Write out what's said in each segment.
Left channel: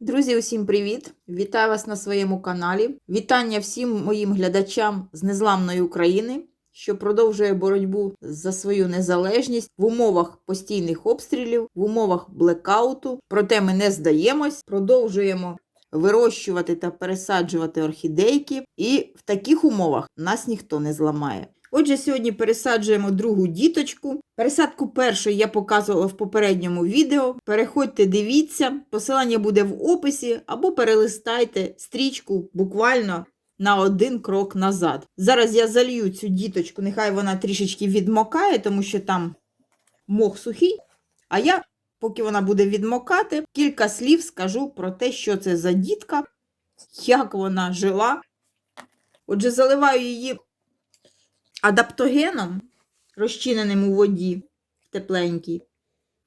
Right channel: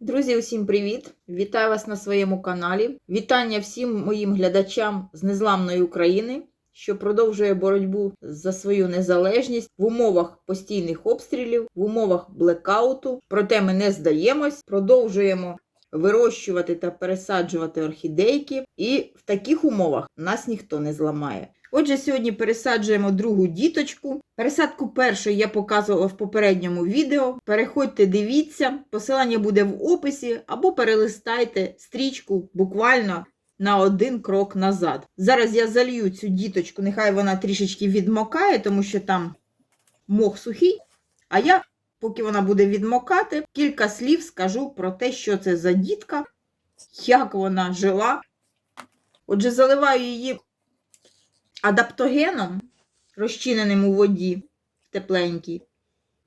Друзі, усім привіт! Вітаю вас на своєму каналі. Вітання всім моїм глядачам з незламної України, що продовжує боротьбу за свою незалежність в умовах постійних обстрілів, в умовах блекауту. Проте ми не здаємось, продовжуємо вирощувати та пересаджувати орхідейки, і в таких умовах нас ніхто не зламає. Отже, сьогодні пересаджуємо другу діточку. Пересадку першої я показувала в попередньому відео. Переходьте, дивіться, посилання буде в описі, або перелистайте стрічку буквально на один крок назад. Зараз я залью цю діточку, нехай вона трішечки відмокає, тому що там мох сухий. А я, поки вона буде відмокати, кілька слів скажу про те, що це за дітка, як вона жила. Отже, заливаю її адаптогеном, розчиненим у воді тепленькій,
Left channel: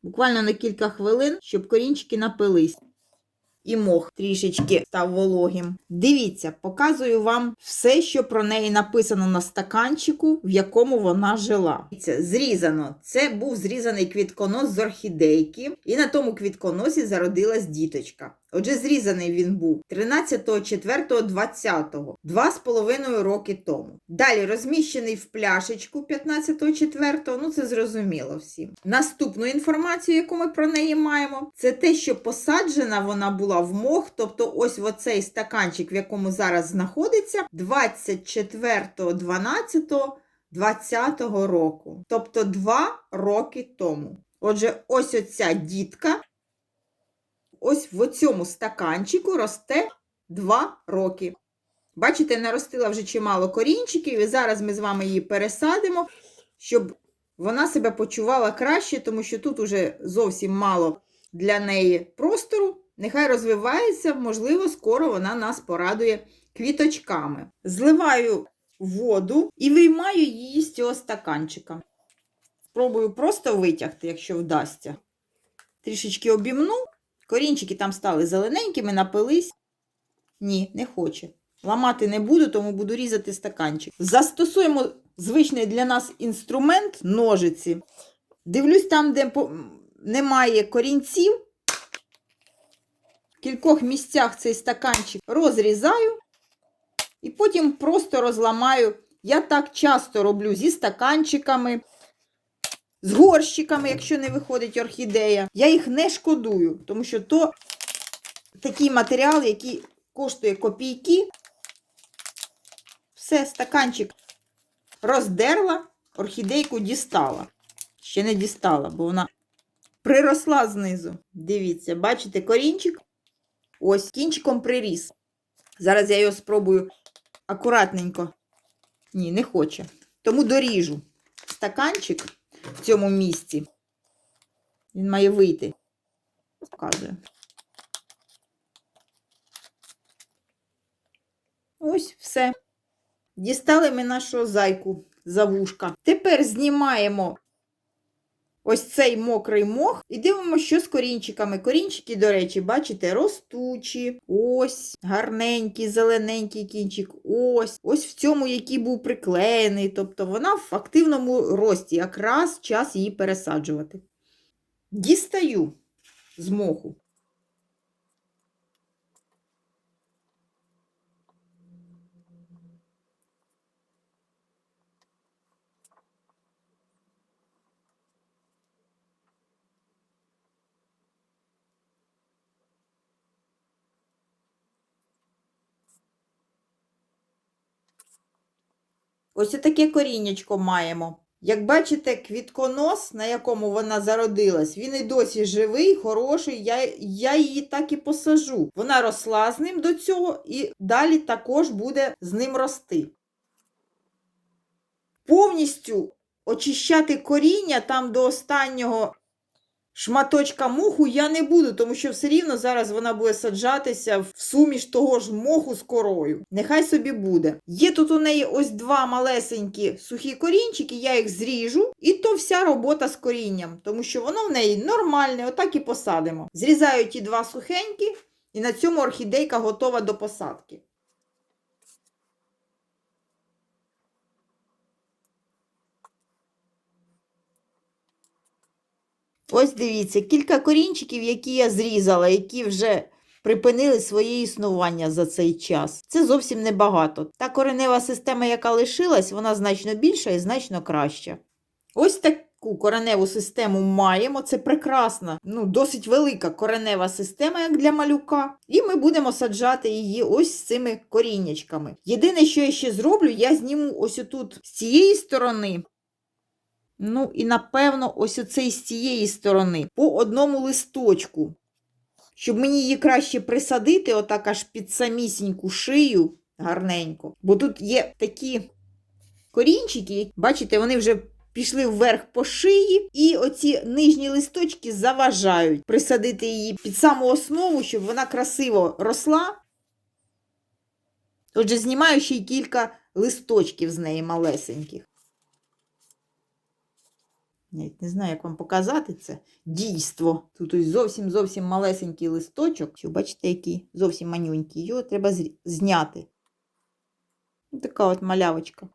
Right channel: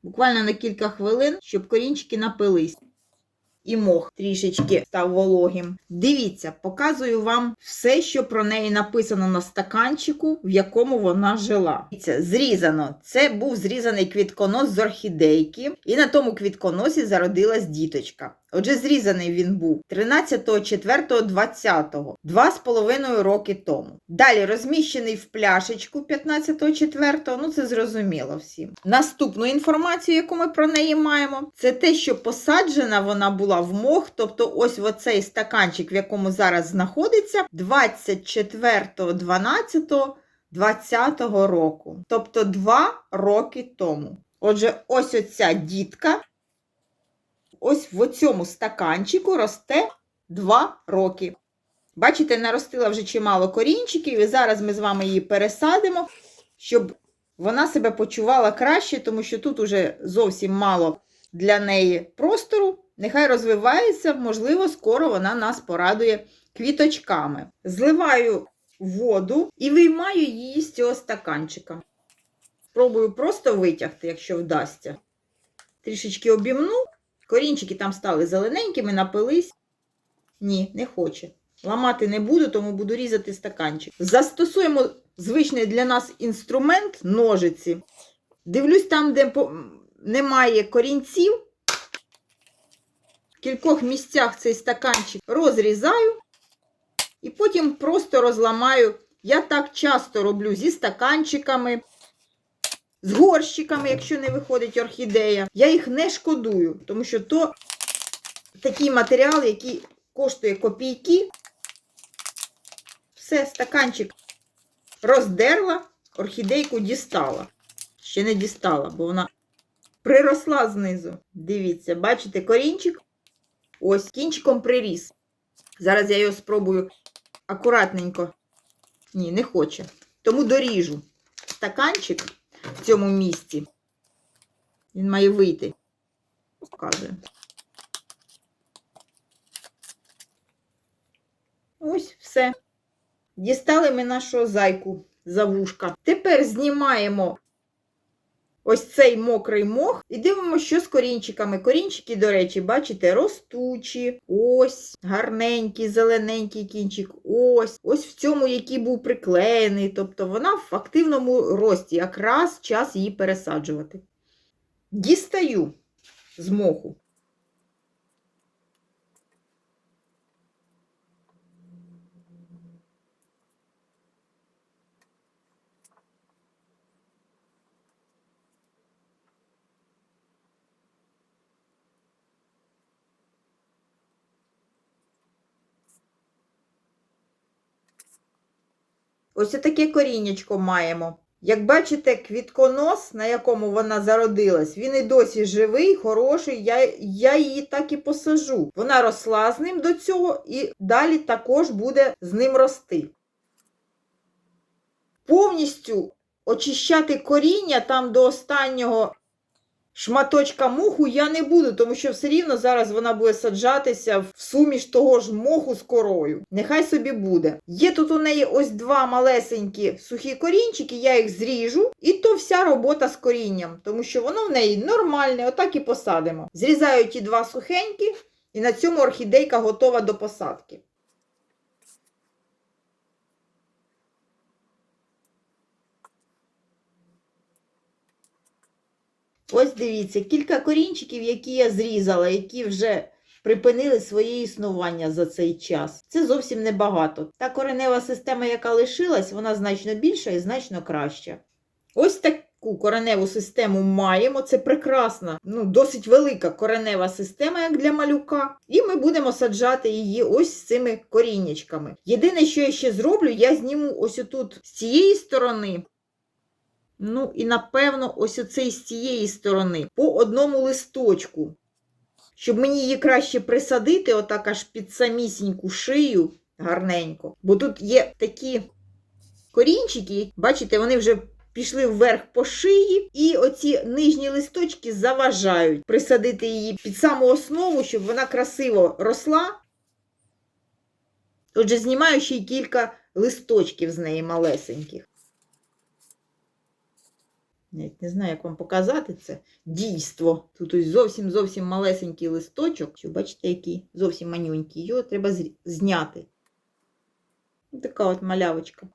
буквально на кілька хвилин, щоб корінчики напились. І мох трішечки став вологим. Дивіться, показую вам все, що про неї написано на стаканчику, в якому вона жила. Це зрізано. Це був зрізаний квітконос з орхідейки, і на тому квітконосі зародилась діточка. Отже, зрізаний він був 13.04.20, два з половиною роки тому. Далі розміщений в пляшечку 15.04, ну це зрозуміло всім. Наступну інформацію, яку ми про неї маємо, це те, що посаджена вона була в мох, тобто ось в оцей стаканчик, в якому зараз знаходиться, 24.12.20 року. Тобто два роки тому. Отже, ось оця дітка ось в цьому стаканчику росте 2 роки. Бачите, наростила вже чимало корінчиків, і зараз ми з вами її пересадимо, щоб вона себе почувала краще, тому що тут уже зовсім мало для неї простору. Нехай розвивається, можливо, скоро вона нас порадує квіточками. Зливаю воду і виймаю її з цього стаканчика. Спробую просто витягти, якщо вдасться. Трішечки обімну. Корінчики там стали зелененькими, напились. Ні, не хоче. Ламати не буду, тому буду різати стаканчик. Застосуємо звичний для нас інструмент ножиці. Дивлюсь там, де немає корінців. В кількох місцях цей стаканчик розрізаю і потім просто розламаю. Я так часто роблю зі стаканчиками з горщиками, якщо не виходить орхідея. Я їх не шкодую, тому що то такий матеріал, який коштує копійки. Все, стаканчик роздерла, орхідейку дістала. Ще не дістала, бо вона приросла знизу. Дивіться, бачите, корінчик ось кінчиком приріс. Зараз я його спробую акуратненько. Ні, не хоче. Тому доріжу стаканчик цьому місці. Він має вийти. Показує. Ось все. Дістали ми нашого зайку за вушка. Тепер знімаємо ось цей мокрий мох і дивимося, що з корінчиками. Корінчики, до речі, бачите, ростучі, ось, гарненький, зелененький кінчик, ось, ось в цьому, який був приклеєний. Тобто вона в активному рості, якраз час її пересаджувати. Дістаю з моху. Ось таке коріннячко маємо. Як бачите, квітконос, на якому вона зародилась, він і досі живий, хороший. Я я її так і посажу. Вона росла з ним до цього і далі також буде з ним рости. Повністю очищати коріння там до останнього Шматочка моху я не буду, тому що все рівно зараз вона буде саджатися в суміш того ж моху з корою. Нехай собі буде. Є тут у неї ось два малесенькі сухі корінчики, я їх зріжу, і то вся робота з корінням, тому що воно в неї нормальне, отак і посадимо. Зрізаю ті два сухенькі, і на цьому орхідейка готова до посадки. Ось дивіться, кілька корінчиків, які я зрізала, які вже припинили своє існування за цей час. Це зовсім небагато. Та коренева система, яка лишилась, вона значно більша і значно краща. Ось таку кореневу систему маємо. Це прекрасна, ну, досить велика коренева система, як для малюка. І ми будемо саджати її ось з цими коріннячками. Єдине, що я ще зроблю, я зніму ось отут з цієї сторони. Ну, і напевно, ось оцей з цієї сторони, по одному листочку. Щоб мені її краще присадити, отак аж під самісіньку шию гарненько. Бо тут є такі корінчики, бачите, вони вже пішли вверх по шиї, і оці нижні листочки заважають присадити її під саму основу, щоб вона красиво росла. Отже, знімаю ще й кілька листочків з неї малесеньких. Навіть не знаю, як вам показати це дійство. Тут ось зовсім зовсім малесенький листочок. Що, бачите, який зовсім манюнький. Його треба зняти. Така от малявочка.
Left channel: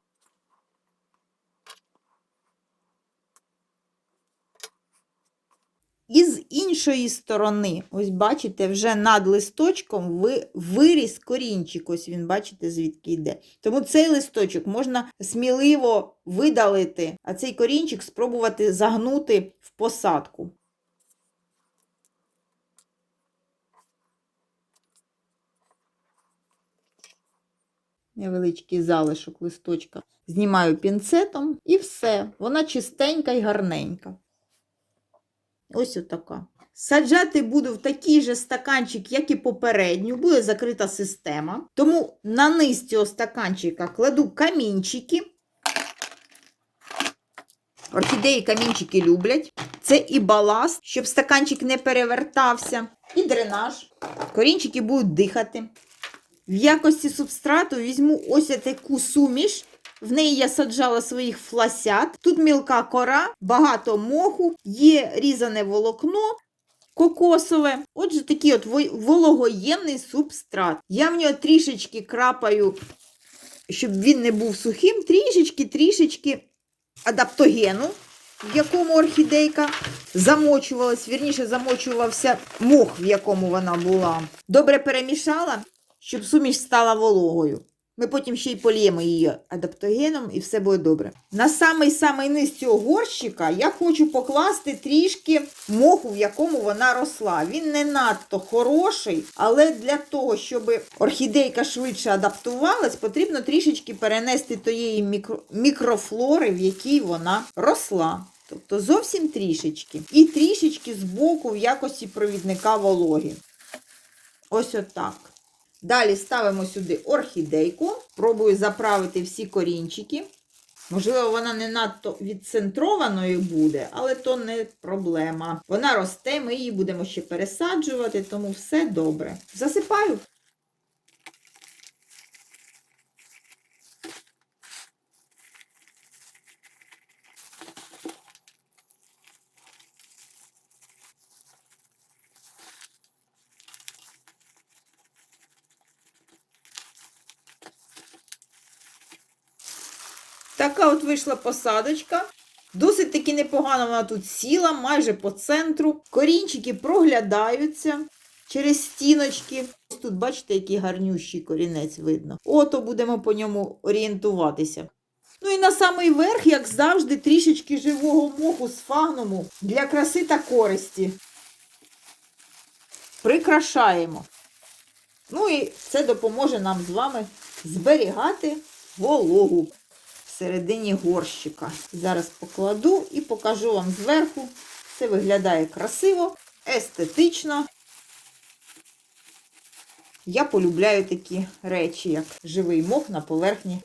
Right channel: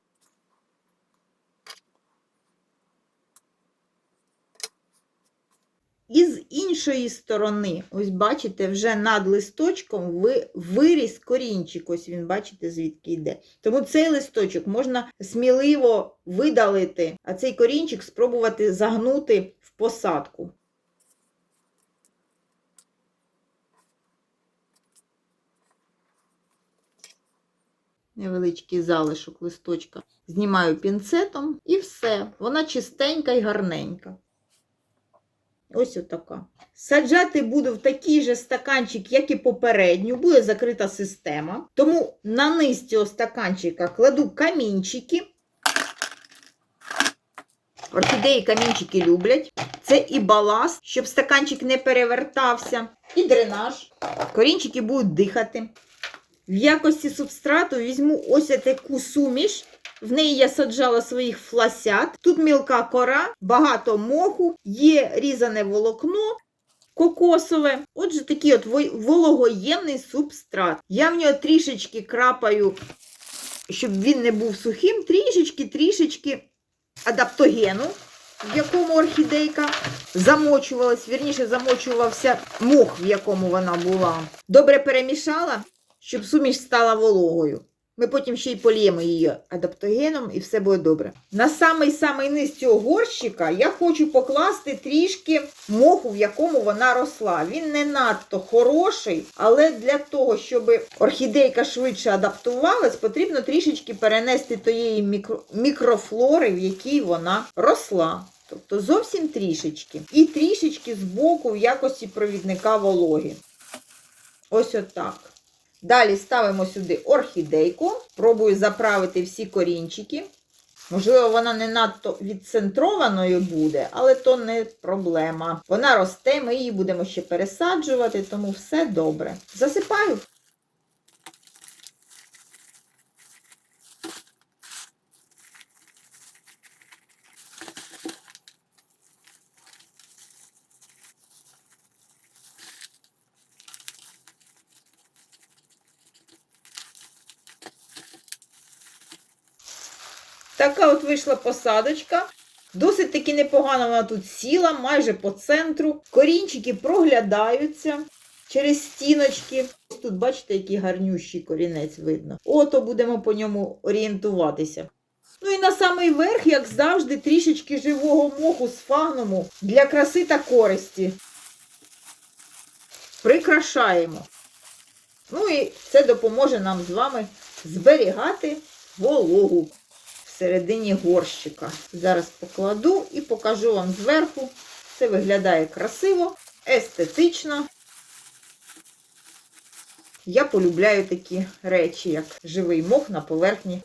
І з іншої сторони, ось бачите, вже над листочком ви, виріс корінчик. Ось він, бачите, звідки йде. Тому цей листочок можна сміливо видалити, а цей корінчик спробувати загнути в посадку. Невеличкий залишок листочка. Знімаю пінцетом і все. Вона чистенька і гарненька. Ось отака. Саджати буду в такий же стаканчик, як і попередню, буде закрита система. Тому на низ цього стаканчика кладу камінчики. Орхідеї камінчики люблять. Це і баласт, щоб стаканчик не перевертався, і дренаж. Корінчики будуть дихати. В якості субстрату візьму ось таку суміш. В неї я саджала своїх фласят. Тут мілка кора, багато моху, є різане волокно кокосове. Отже, такий от вологоємний субстрат. Я в нього трішечки крапаю, щоб він не був сухим, трішечки-трішечки адаптогену, в якому орхідейка замочувалась, вірніше замочувався мох, в якому вона була. Добре перемішала, щоб суміш стала вологою. Ми потім ще й поліємо її адаптогеном і все буде добре. На самий самий низ цього горщика я хочу покласти трішки моху, в якому вона росла. Він не надто хороший, але для того, щоб орхідейка швидше адаптувалась, потрібно трішечки перенести тієї мікро... мікрофлори, в якій вона росла. Тобто зовсім трішечки. І трішечки збоку в якості провідника вологи. Ось отак. Далі ставимо сюди орхідейку. Пробую заправити всі корінчики. Можливо, вона не надто відцентрованою буде, але то не проблема. Вона росте, ми її будемо ще пересаджувати, тому все добре. Засипаю. Така от вийшла посадочка. Досить таки непогано вона тут сіла, майже по центру. Корінчики проглядаються через стіночки. Ось тут, бачите, який гарнющий корінець видно. Ото будемо по ньому орієнтуватися. Ну і на самий верх, як завжди, трішечки живого моху з фагнуму для краси та користі. Прикрашаємо. Ну і це допоможе нам з вами зберігати вологу всередині горщика. Зараз покладу і покажу вам зверху. Це виглядає красиво, естетично. Я полюбляю такі речі, як живий мох на поверхні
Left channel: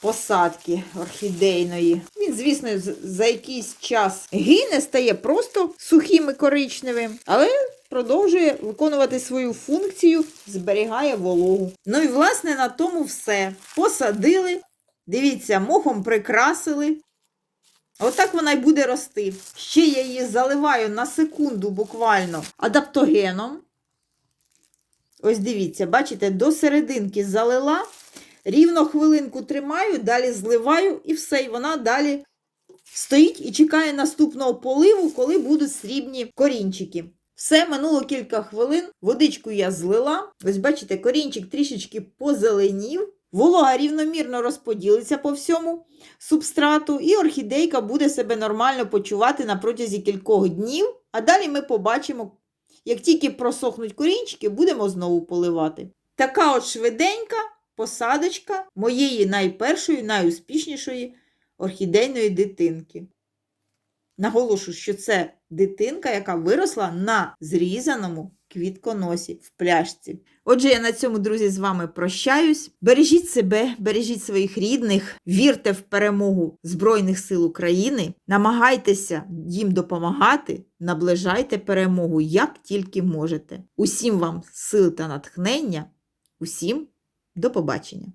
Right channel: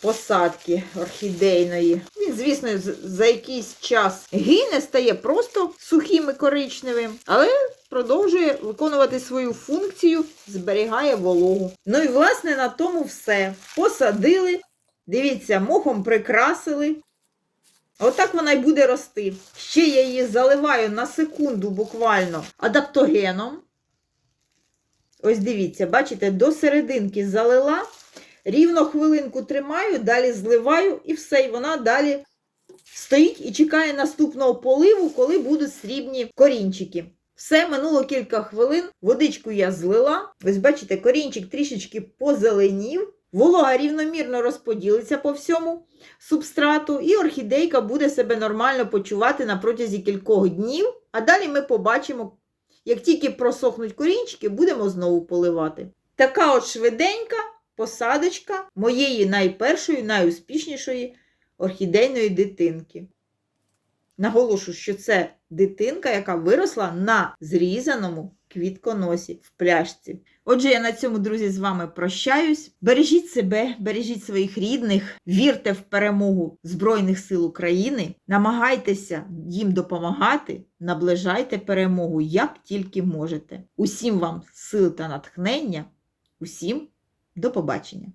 посадки орхідейної. Він, звісно, за якийсь час гине, стає просто сухим і коричневим, але продовжує виконувати свою функцію, зберігає вологу. Ну і, власне, на тому все. Посадили. Дивіться, мохом прикрасили. Отак вона й буде рости. Ще я її заливаю на секунду буквально адаптогеном. Ось дивіться, бачите, до серединки залила, рівно хвилинку тримаю, далі зливаю і все, і вона далі Стоїть і чекає наступного поливу, коли будуть срібні корінчики. Все, минуло кілька хвилин. Водичку я злила. Ось бачите, корінчик трішечки позеленів. Волога рівномірно розподілиться по всьому субстрату, і орхідейка буде себе нормально почувати на протязі кількох днів. А далі ми побачимо, як тільки просохнуть корінчики, будемо знову поливати. Така от швиденька посадочка моєї найпершої, найуспішнішої орхідейної дитинки. Наголошую, що це дитинка, яка виросла на зрізаному квітконосі в пляшці. Отже, я на цьому, друзі, з вами прощаюсь. Бережіть себе, бережіть своїх рідних, вірте в перемогу Збройних сил України, намагайтеся їм допомагати, наближайте перемогу як тільки можете. Усім вам сил та натхнення, усім до побачення!